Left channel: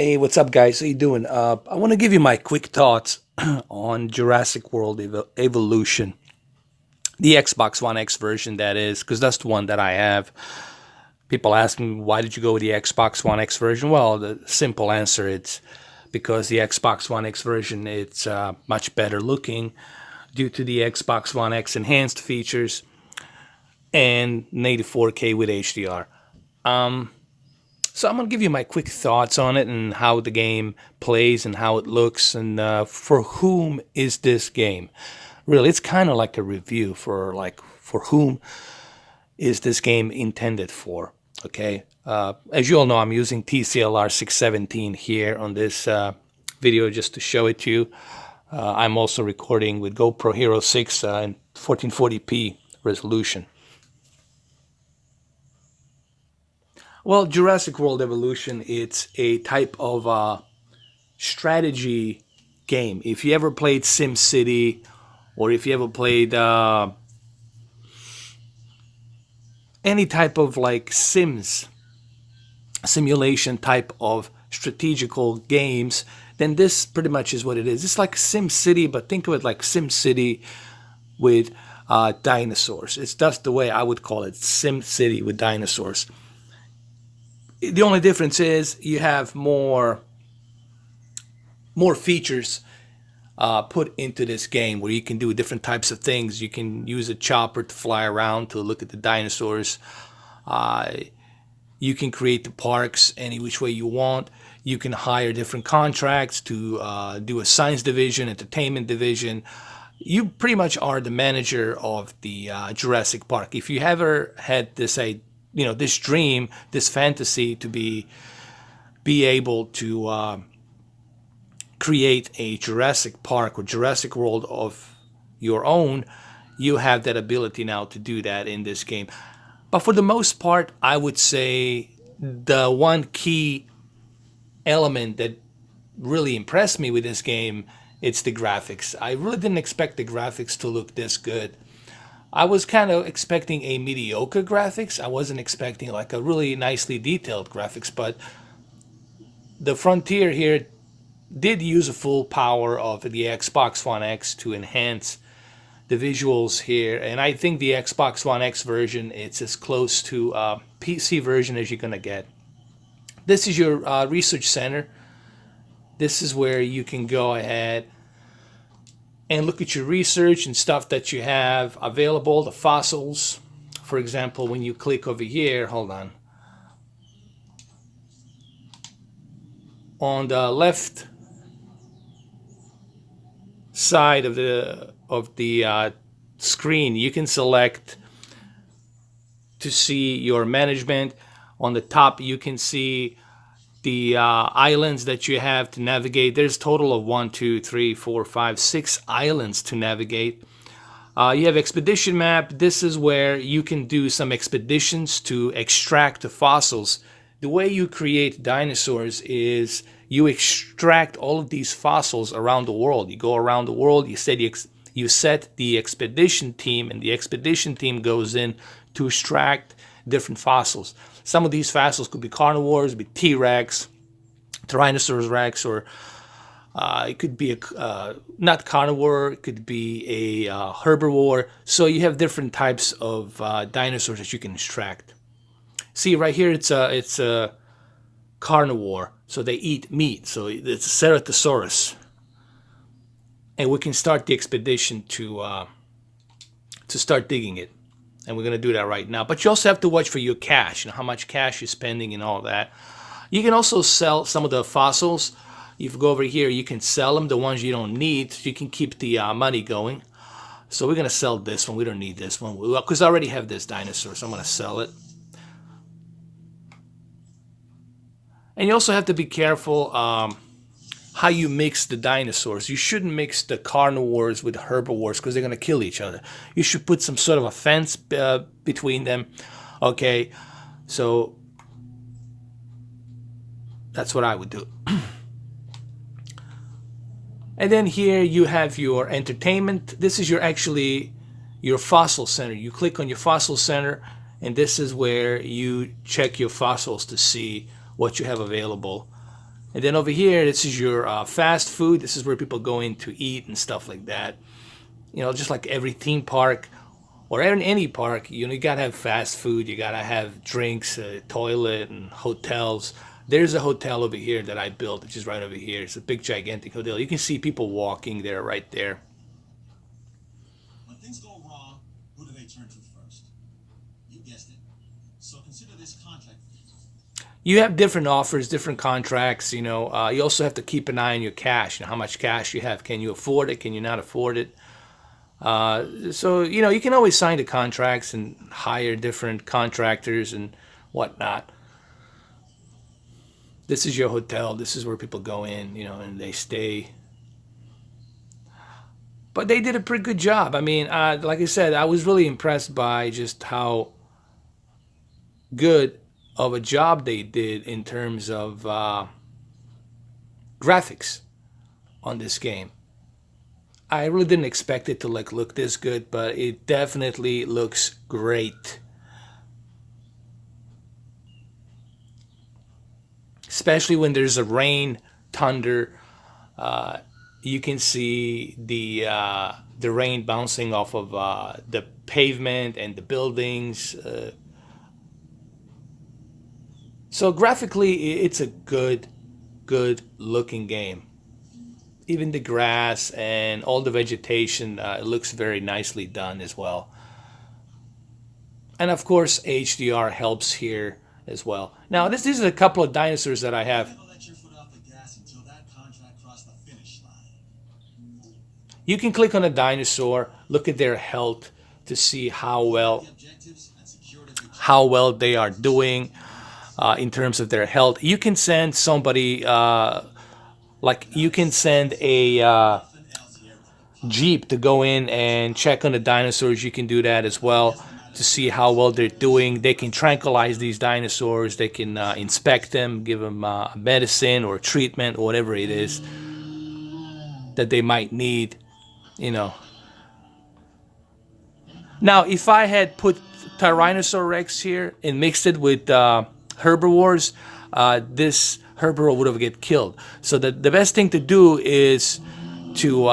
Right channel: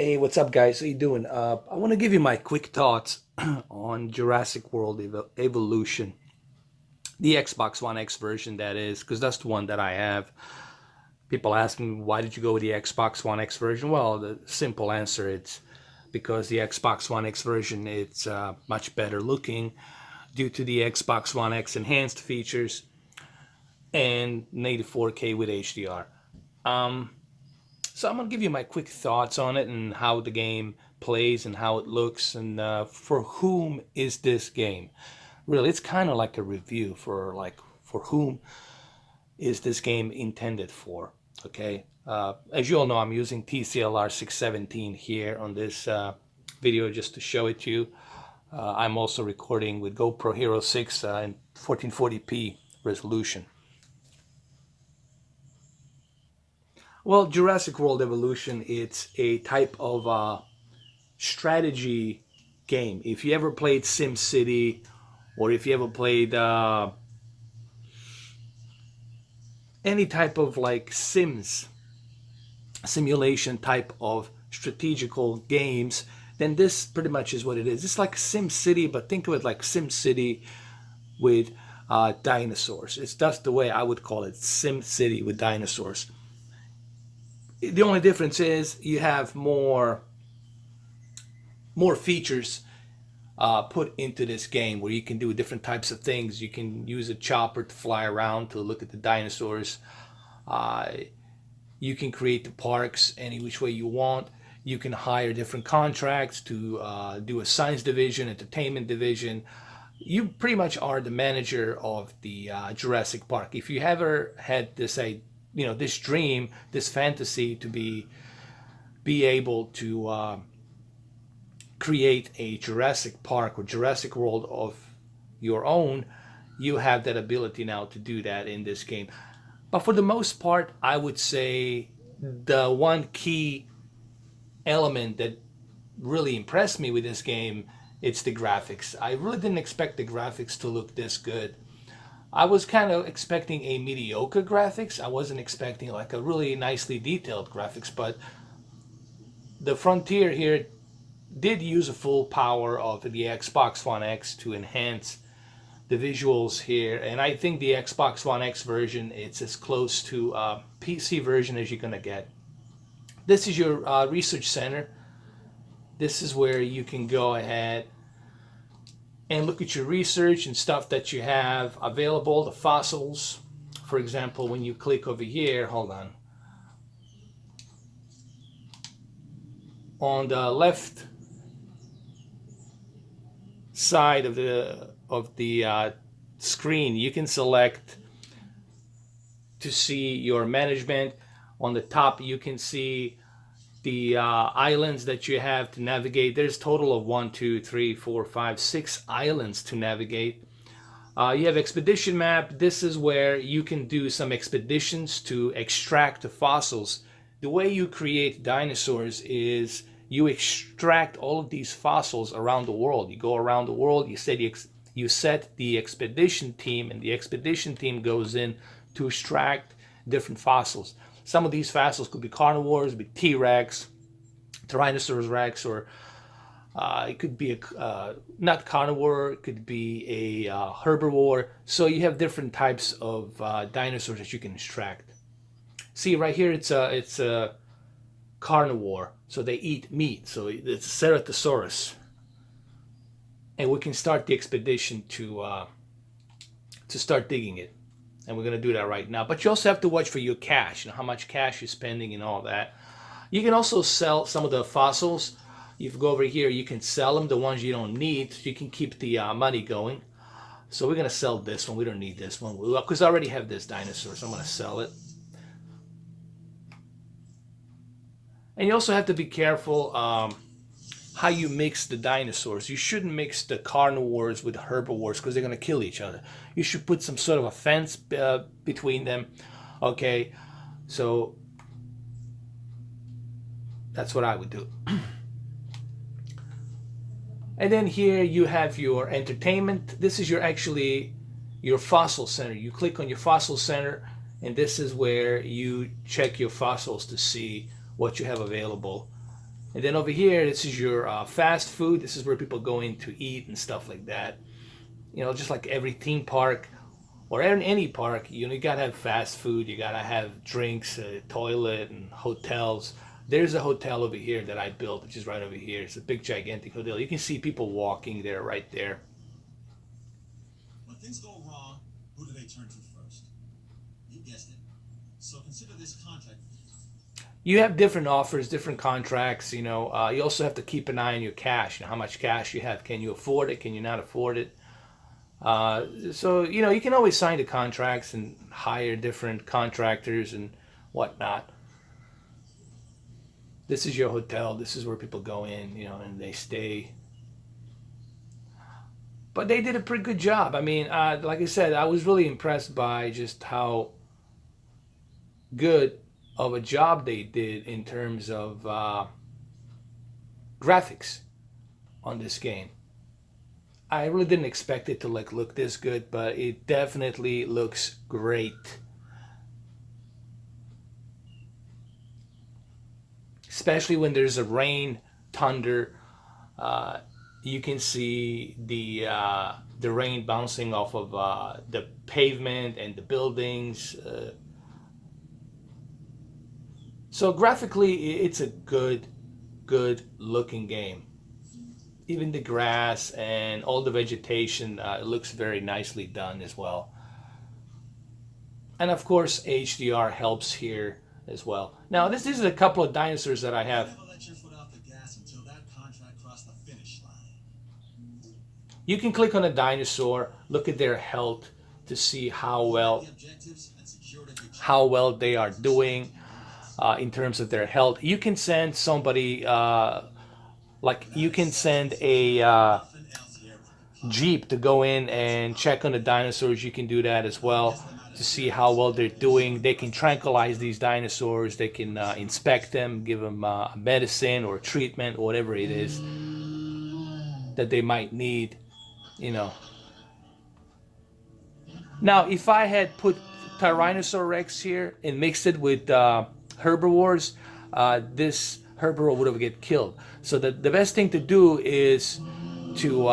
Hey, what's up, guys? How you doing? I want to give you my quick thoughts on Jurassic World Evolution, the Xbox One X version, that is, because that's the one that I have. People ask me, why did you go with the Xbox One X version? Well, the simple answer it's because the Xbox One X version it's much better looking due to the Xbox One X enhanced features and native 4K with HDR. So I'm gonna give you my quick thoughts on it and how the game plays and how it looks and for whom is this game? Really, it's kind of like a review for for whom is this game intended for? Okay, as you all know, I'm using TCLR 617 here on this video just to show it to you. I'm also recording with GoPro Hero 6 in 1440p resolution. Well, Jurassic World Evolution, it's a type of strategy game. If you ever played SimCity, or if you ever played any type of like simulation type of strategical games, then this pretty much is what it is. It's like SimCity, but think of it like SimCity with dinosaurs. It's That's the way I would call it, SimCity with dinosaurs. The only difference is you have more features put into this game where you can do different types of things. You can use a chopper to fly around to look at the dinosaurs. Uh, you can create the parks any which way you want. You can hire different contracts to do a science division, entertainment division. You pretty much are the manager of the Jurassic Park. If you ever had this dream, this fantasy to be able to create a Jurassic Park or Jurassic World of your own, you have that ability now to do that in this game. But for the most part, I would say the one key element that really impressed me with this game, it's the graphics. I really didn't expect the graphics to look this good. I was kind of expecting a mediocre graphics. I wasn't expecting like a really nicely detailed graphics, but the Frontier here did use a full power of the Xbox One X to enhance the visuals here, and I think the Xbox One X version it's as close to a PC version as you're gonna get. This is your research center. This is where you can go ahead and look at your research and stuff that you have available, the fossils. For example, when you click over here, hold on the left side of the screen, you can select to see your management. On the top, you can see the islands that you have to navigate. There's a total of 1, 2, 3, 4, 5, 6 islands to navigate. You have expedition map. This is where you can do some expeditions to extract the fossils. The way you create dinosaurs is you extract all of these fossils around the world. You go around the world, you set the expedition team, and the expedition team goes in to extract different fossils. Some of these fossils could be carnivores, be T-Rex, Tyrannosaurus Rex, or it could be not carnivore, it could be a herbivore. So you have different types of dinosaurs that you can extract. See right here, it's a carnivore, so they eat meat. So it's a Ceratosaurus, and we can start the expedition to start digging it. And we're going to do that right now. But you also have to watch for your cash and how much cash you're spending and all that. You can also sell some of the fossils. If you go over here, you can sell them, the ones you don't need. You can keep the money going. So we're going to sell this one. We don't need this one because I already have this dinosaur, so I'm going to sell it. And you also have to be careful how you mix the dinosaurs. You shouldn't mix the carnivores with herbivores because they're going to kill each other. You should put some sort of a fence between them. Okay, so that's what I would do. And then here you have your entertainment. This is your fossil center. You click on your fossil center, and this is where you check your fossils to see what you have available And then over here, this is your fast food. This is where people go in to eat and stuff like that. You know, just like every theme park or in any park, you know, you gotta have fast food. You gotta have drinks, toilet, and hotels. There's a hotel over here that I built, which is right over here. It's a big, gigantic hotel. You can see people walking there, right there. When things go wrong, who do they turn to first? You guessed it. So consider this contract. You have different offers, different contracts. You know, you also have to keep an eye on your cash. You know, how much cash you have. Can you afford it? Can you not afford it? So you know, you can always sign the contracts and hire different contractors and whatnot. This is your hotel. This is where people go in, you know, and they stay. But they did a pretty good job. I mean, like I said, I was really impressed by just how good of a job they did in terms of graphics on this game. I really didn't expect it to like look this good, but it definitely looks great. Especially when there's a rain, thunder, uh, you can see the rain bouncing off of the pavement and the buildings. So graphically, it's a good looking game. Even the grass and all the vegetation looks very nicely done as well. And of course, HDR helps here as well. Now, this is a couple of dinosaurs that I You have. never let your foot off the gas until that contract crossed the finish line. You can click on a dinosaur, look at their health to see Set the objectives and secure the how victory. well they are This is doing what you win. in terms of their health. You can send somebody like you Without can send exceptions, a nothing else here will comply. jeep to go in That's and check on the powerful. dinosaurs. You can do that as Nothing well gets them out of to the see how woods. well they're They just doing. showed the They can rest of them tranquilize what's these what. dinosaurs. They can inspect them, give them medicine or treatment, whatever it is that they might need. You know. Now, if I had put Tyrannosaur Rex here and mixed it with herbivores, this herbivore would have get killed. So the best thing to do is to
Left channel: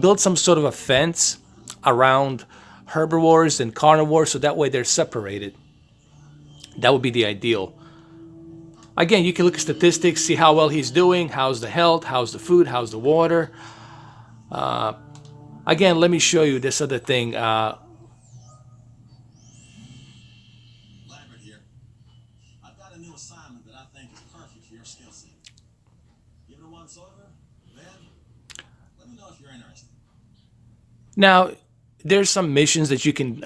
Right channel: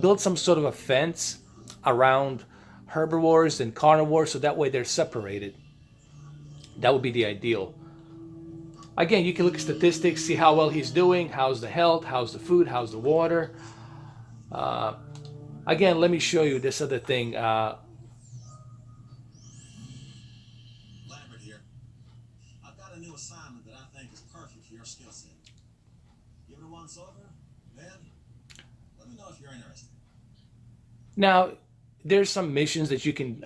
build some sort of a fence around herbivores and carnivores, so that way they're separated. That would be the ideal. Again, you can look at statistics, see how well he's doing, how's the health, how's the food, how's the water. Again, let me show you this other thing. Lambert here. I've got a new assignment that I think is perfect for your skill set. Give it a once over, then let me know if you're interested. Now, there's some missions that you can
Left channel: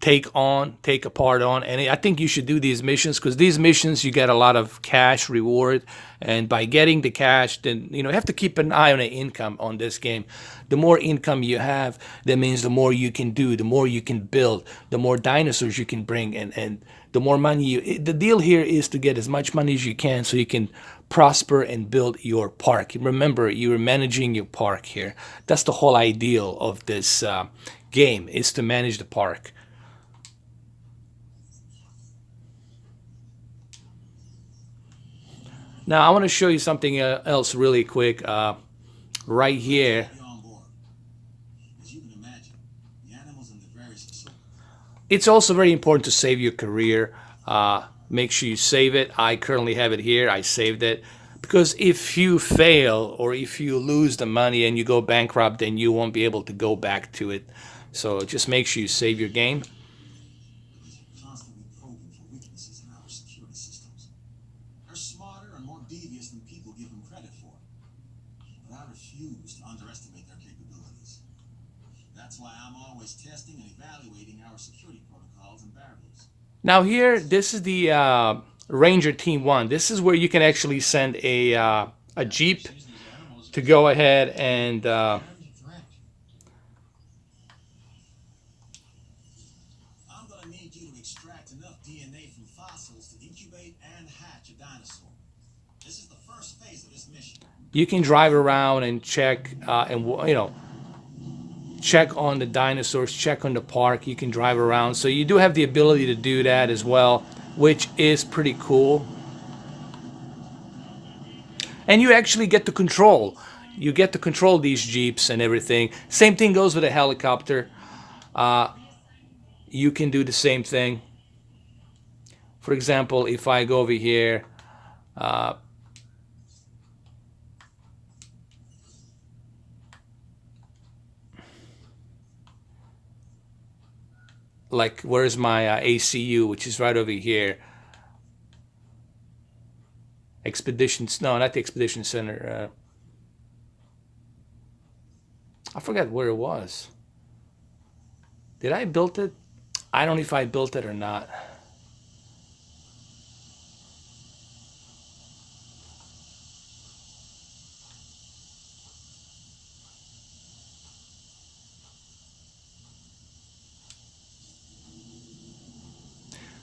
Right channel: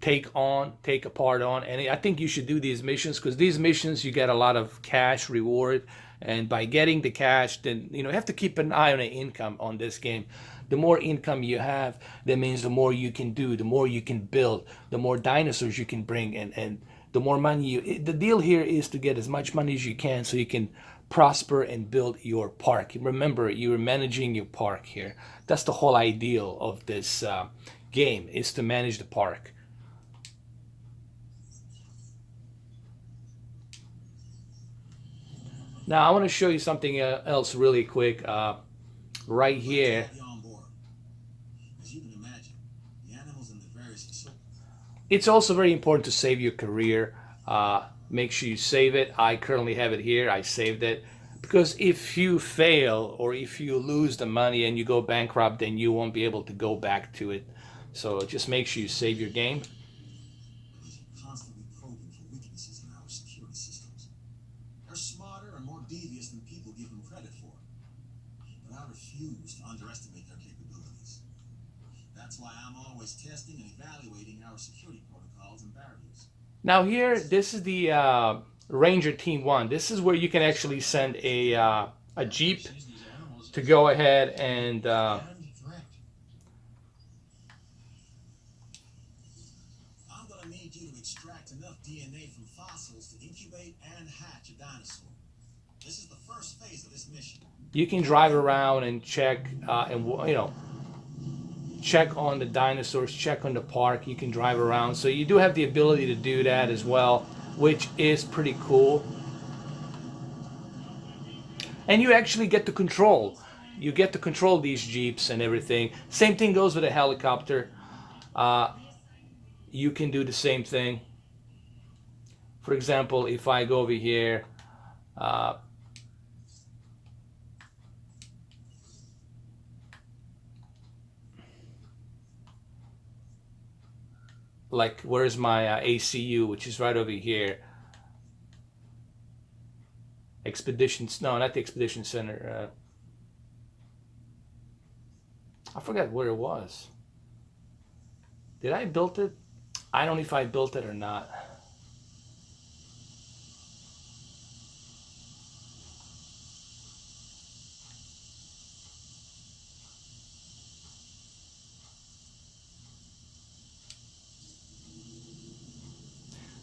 take a part on, and I think you should do these missions because these missions you get a lot of cash reward, and by getting the cash, then you know you have to keep an eye on the income on this game. The more income you have, that means the more you can do, the more you can build, the more dinosaurs you can bring, and the more money you. The deal here is to get as much money as you can so you can prosper and build your park. Remember, you're managing your park here. That's the whole ideal of this game is to manage the park. Now, I want to show you something else really quick. Right Glad to here, have you on board. As you can imagine, the animals in the various it's also very important to save your career. Make sure you save it. I currently have it here. I saved it because if you fail or if you lose the money and you go bankrupt, then you won't be able to go back to it. So just make sure you save your game. because you're constantly probing for weaknesses in our security systems. They're smarter and more devious than people give them credit for. But I refuse to underestimate their capabilities. That's why I'm always testing and evaluating our security protocols and barriers. Now here, this is the Ranger Team One. This is where you can actually send a jeep Sees these animals to as go ahead and a threat. I'm gonna need you to extract enough DNA from fossils to incubate and hatch a dinosaur. This is the first phase of this mission. you can drive around and check and you know check on the dinosaurs, check on the park. You can drive around, so you do have the ability to do that as well, which is pretty cool. And you actually get to control. You get to control these jeeps and everything. Same thing goes with a helicopter. You can do the same thing. For example, if I go over here, uh, like where's my ACU, which is right over here. Expeditions, no, not the Expedition Center. I forgot where it was. Did I build it? I don't know if I built it or not.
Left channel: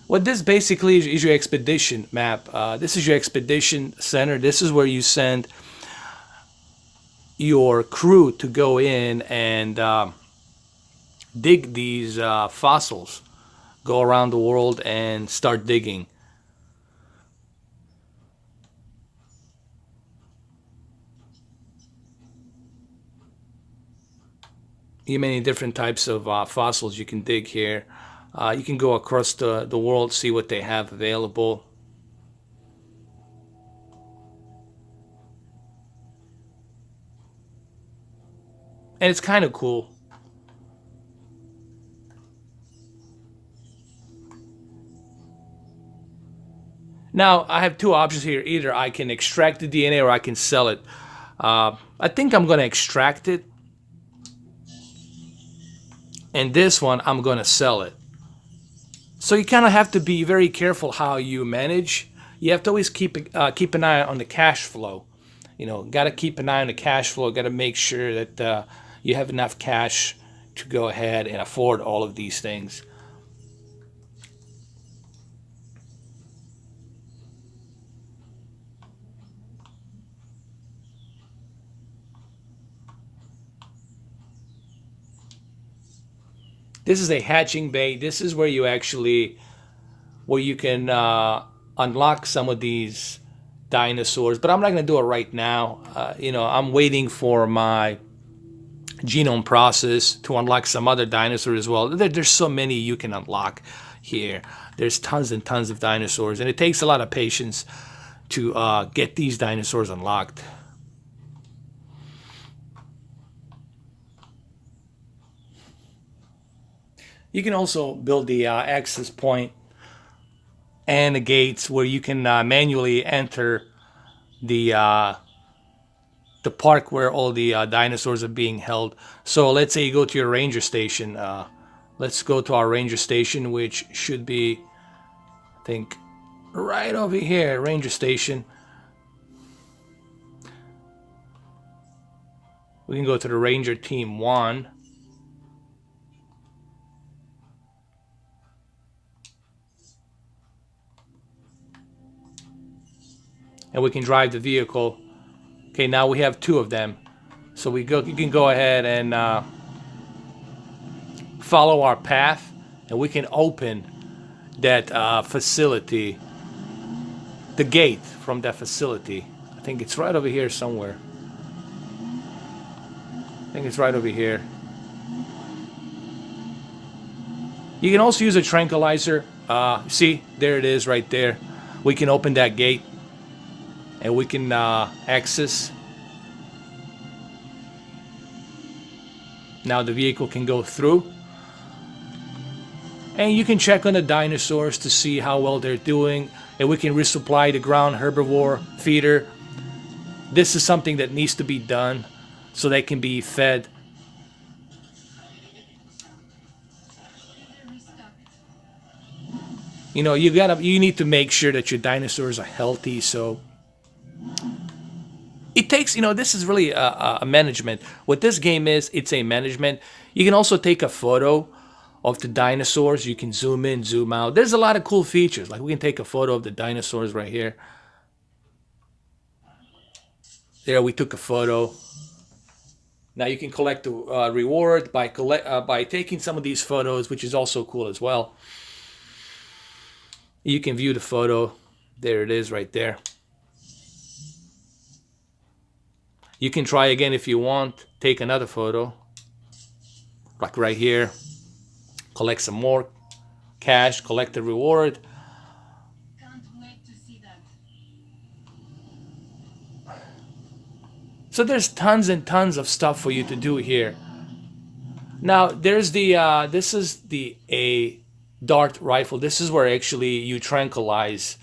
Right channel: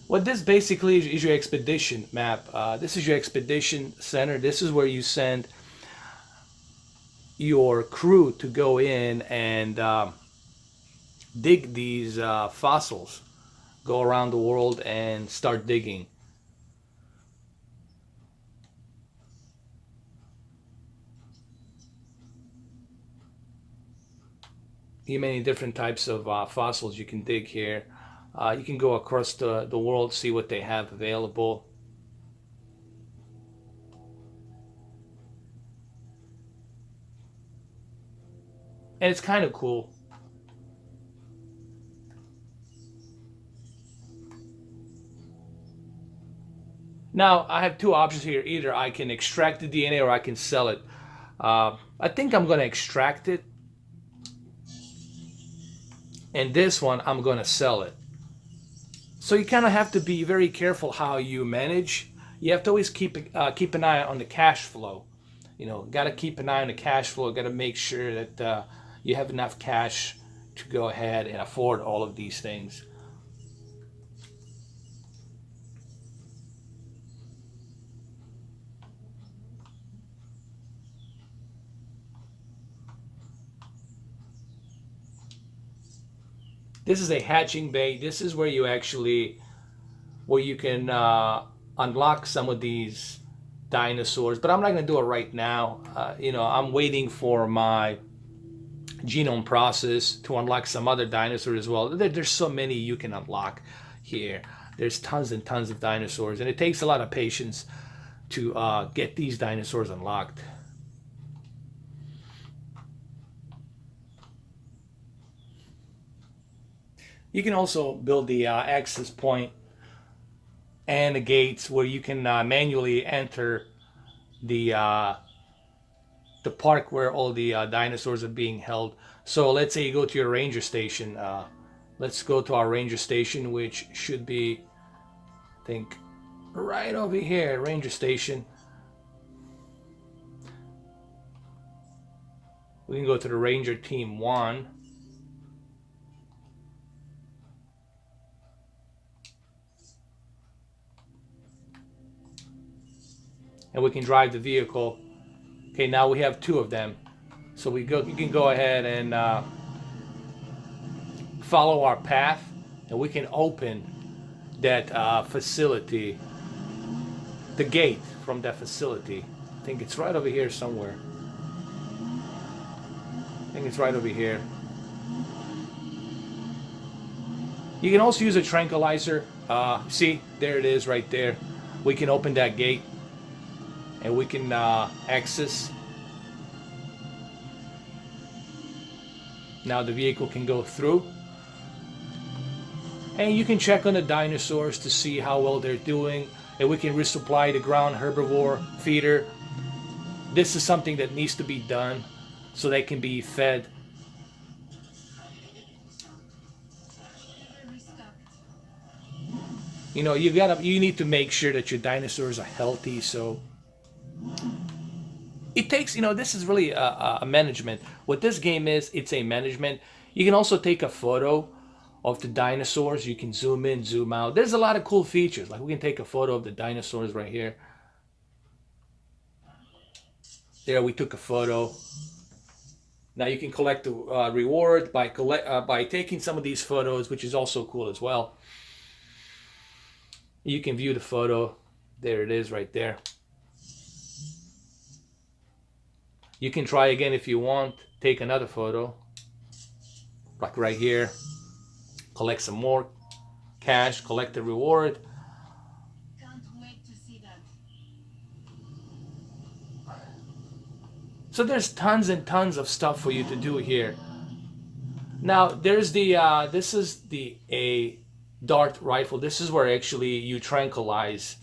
What this basically is your expedition map. This is your expedition center. This is where you send your crew to go in and dig these fossils. Go around the world and start digging. You many different types of fossils you can dig here. You can go across the world, see what they have available. And it's kind of cool. Now, I have two options here. Either I can extract the DNA or I can sell it. I think I'm going to extract it. And this one, I'm going to sell it. So you kind of have to be very careful how you manage. You have to always keep an eye on the cash flow. You know, got to keep an eye on the cash flow. Got to make sure that you have enough cash to go ahead and afford all of these things. This is a hatching bay. This is where you can unlock some of these dinosaurs. But I'm not going to do it right now. I'm waiting for my genome process to unlock some other dinosaurs as well. There's so many you can unlock here. There's tons and tons of dinosaurs, and it takes a lot of patience to get these dinosaurs unlocked. You can also build the access point and the gates where you can manually enter the uh, the park where all the dinosaurs are being held. So let's say you go to your ranger station. Let's go to our ranger station, which should be, I think, right over here, ranger station. We can go to the ranger team 1. And we can drive the vehicle. Okay, now we have 2 of them. So you can go ahead and follow our path, and we can open that facility, the gate from that facility. I think it's right over here somewhere. I think it's right over here. You can also use a tranquilizer. See, there it is right there. We can open that gate and we can access. Now the vehicle can go through. And you can check on the dinosaurs to see how well they're doing. And we can resupply the ground herbivore feeder. This is something that needs to be done so they can be fed. You know, you need to make sure that your dinosaurs are healthy. So it takes, this is really a management. What this game is, it's a management. You can also take a photo of the dinosaurs. You can zoom in, zoom out. There's a lot of cool features. Like we can take a photo of the dinosaurs right here. There, we took a photo. Now you can collect the reward by taking some of these photos, which is also cool as well. You can view the photo. There it is right there. You can try again if you want. Take another photo, like right here. Collect some more cash, collect the reward. Can't wait to see that. So there's tons and tons of stuff for you to do here. Now there's the this is the a dart rifle. This is where actually you tranquilize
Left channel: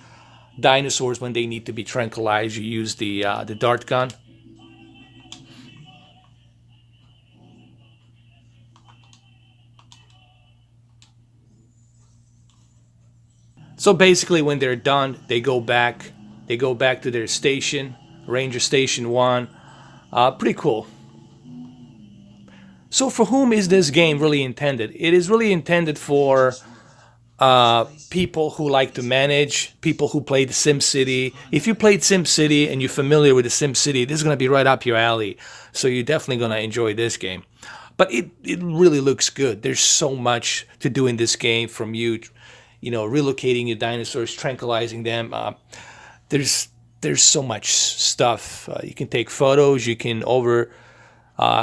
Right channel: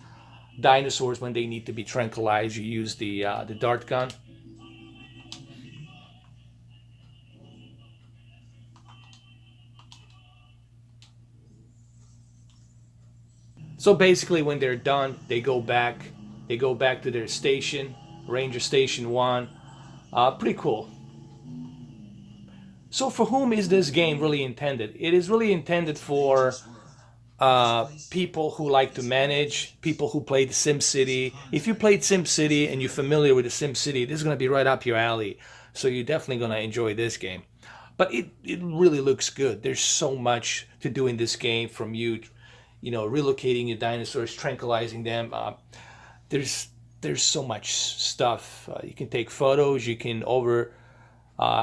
dinosaurs when they need to be tranquilized. You use the dart gun. So basically, when they're done, they go back. They go back to their station, Ranger Station One. Pretty cool. So for whom is this game really intended? It is really intended for people who like to manage, people who played SimCity. If you played SimCity and you're familiar with the SimCity, this is going to be right up your alley. So you're definitely going to enjoy this game. But it really looks good. There's so much to do in this game, from relocating your dinosaurs, tranquilizing them. There's so much stuff. You can take photos. You can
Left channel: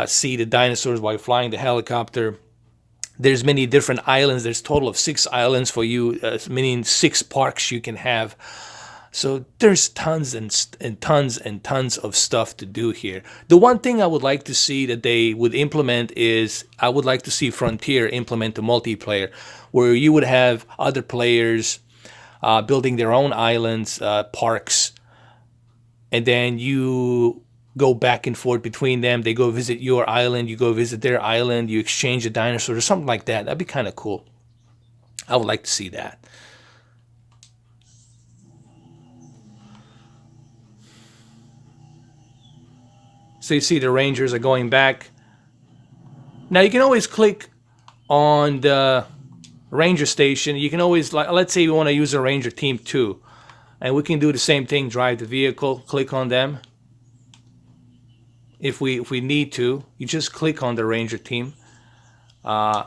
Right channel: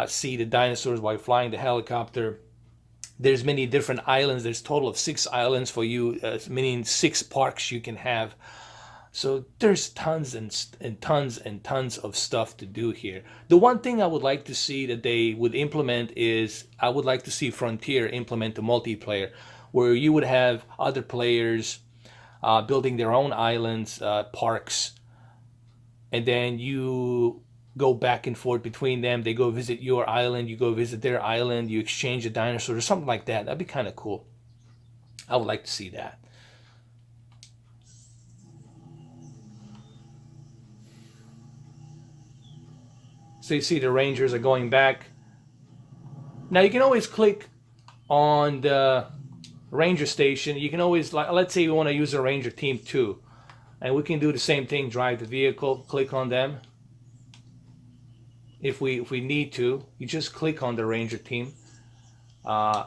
see the dinosaurs while flying the helicopter. There's many different islands. There's a total of 6 islands for you, meaning 6 parks you can have. So there's tons and tons and tons of stuff to do here. The one thing I would like to see that they would implement is, I would like to see Frontier implement the multiplayer, where you would have other players building their own islands, parks, and then you go back and forth between them. They go visit your island, you go visit their island, you exchange the dinosaurs or something like that. That'd be kind of cool. I would like to see that. So you see the Rangers are going back. Now you can always click on the Ranger station. You can always, let's say you want to use a Ranger Team 2. And we can do the same thing, drive the vehicle, click on them. If we need to, you just click on the Ranger team and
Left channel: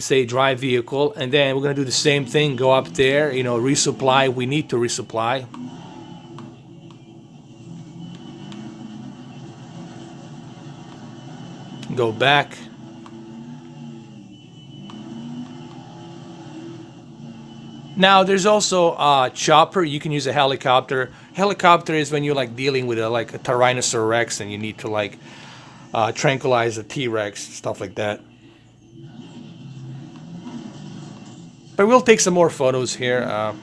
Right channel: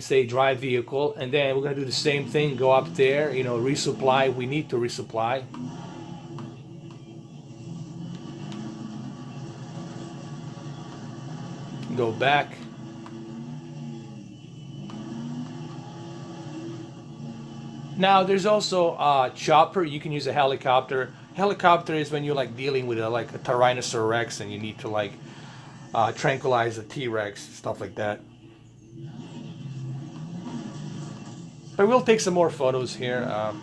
say drive vehicle, and then we're gonna do the same thing. Go up there, resupply. We need to resupply. Go back. Now there's also a chopper. You can use a helicopter. Helicopter is when you're dealing with a Tyrannosaurus Rex and you need to tranquilize a T-Rex, stuff like that. But we'll take some more photos here.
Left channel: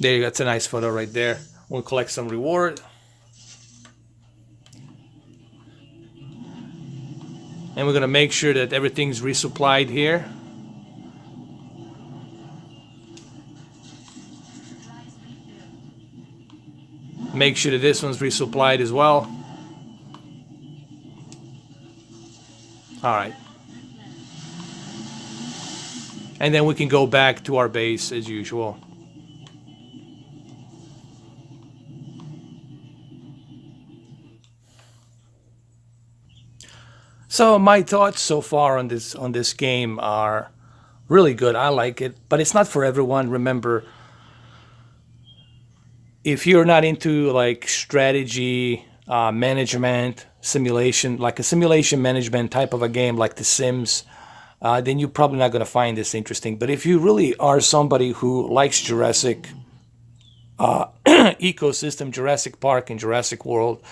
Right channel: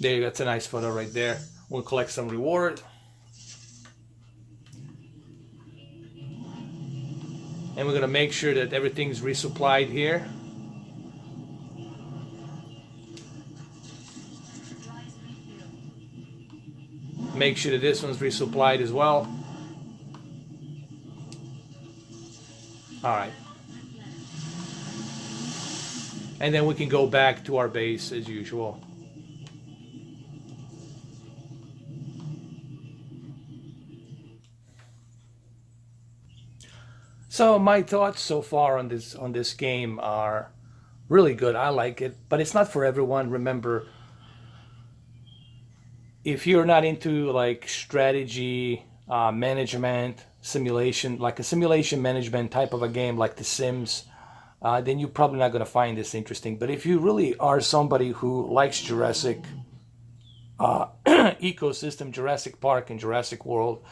There you go. That's a nice photo right there. We'll collect some reward. And we're going to make sure that everything's resupplied here. Make sure that this one's resupplied as well. Alright. And then we can go back to our base as usual. So my thoughts so far on this game are really good. I like it, but it's not for everyone. Remember, if you're not into strategy, management, simulation, like a simulation management type of a game like The Sims, then you're probably not going to find this interesting. But if you really are somebody who likes Jurassic ecosystem, Jurassic Park and Jurassic World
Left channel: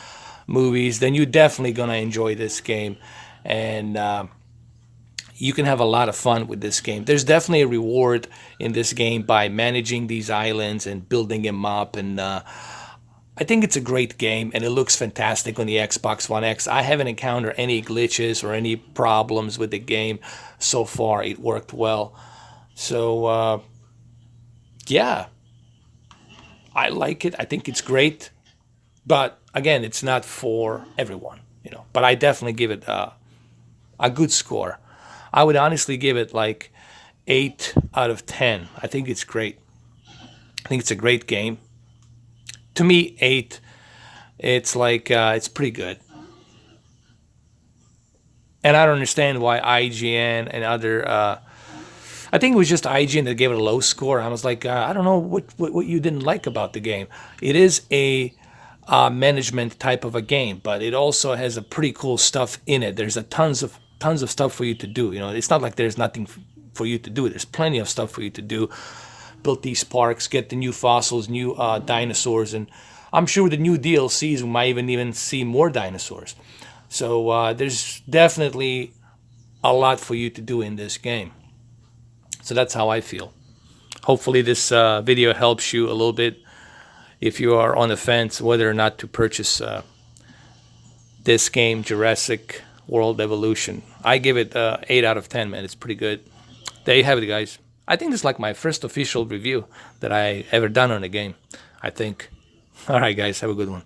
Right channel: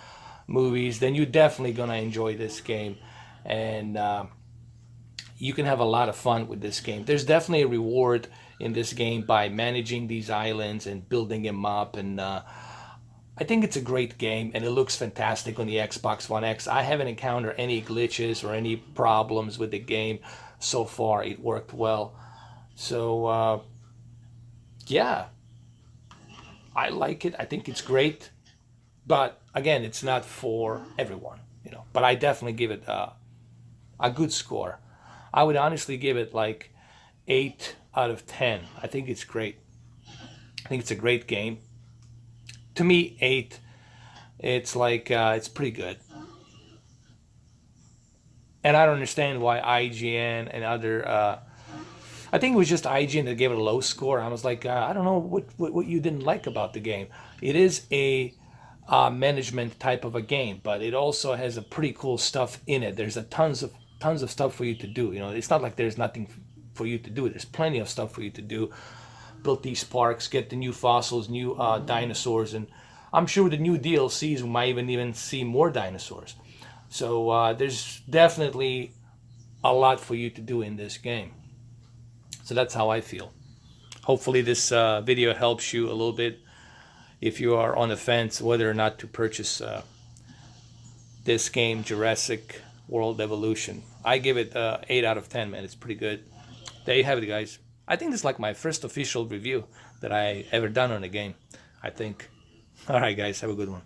movies, then you're definitely going to enjoy this game. And you can have a lot of fun with this game. There's definitely a reward in this game by managing these islands and building them up. And I think it's a great game, and it looks fantastic on the Xbox One X. I haven't encountered any glitches or any problems with the game so far. It worked well. So, yeah, I like it. I think it's great. But again, it's not for everyone, But I definitely give it a good score. I would honestly give it 8 out of 10. I think it's great. I think it's a great game. To me, 8. It's it's pretty good. And I don't understand why IGN and other I think it was just IGN that gave it a low score. I was like, I don't know what you didn't like about the game. It is a management type of a game, but it also has a pretty cool stuff in it. There's a tons of stuff for you to do. You know, it's not like there's nothing for you to do. There's plenty of stuff for you to do. Build these parks, get the new fossils, new dinosaurs, and I'm sure with the new DLCs we might even see more dinosaurs. So there's definitely a lot for you to do in this game. So that's how I feel. Hopefully this video helps you a little bit if you are on the fence whether or not to purchase this game, Jurassic World Evolution. I give it 8 out of 10, man. It's pretty good. There you have it, guys. I think this is like my first official review that I ever done on a game, I think. All right, guys, have a good one.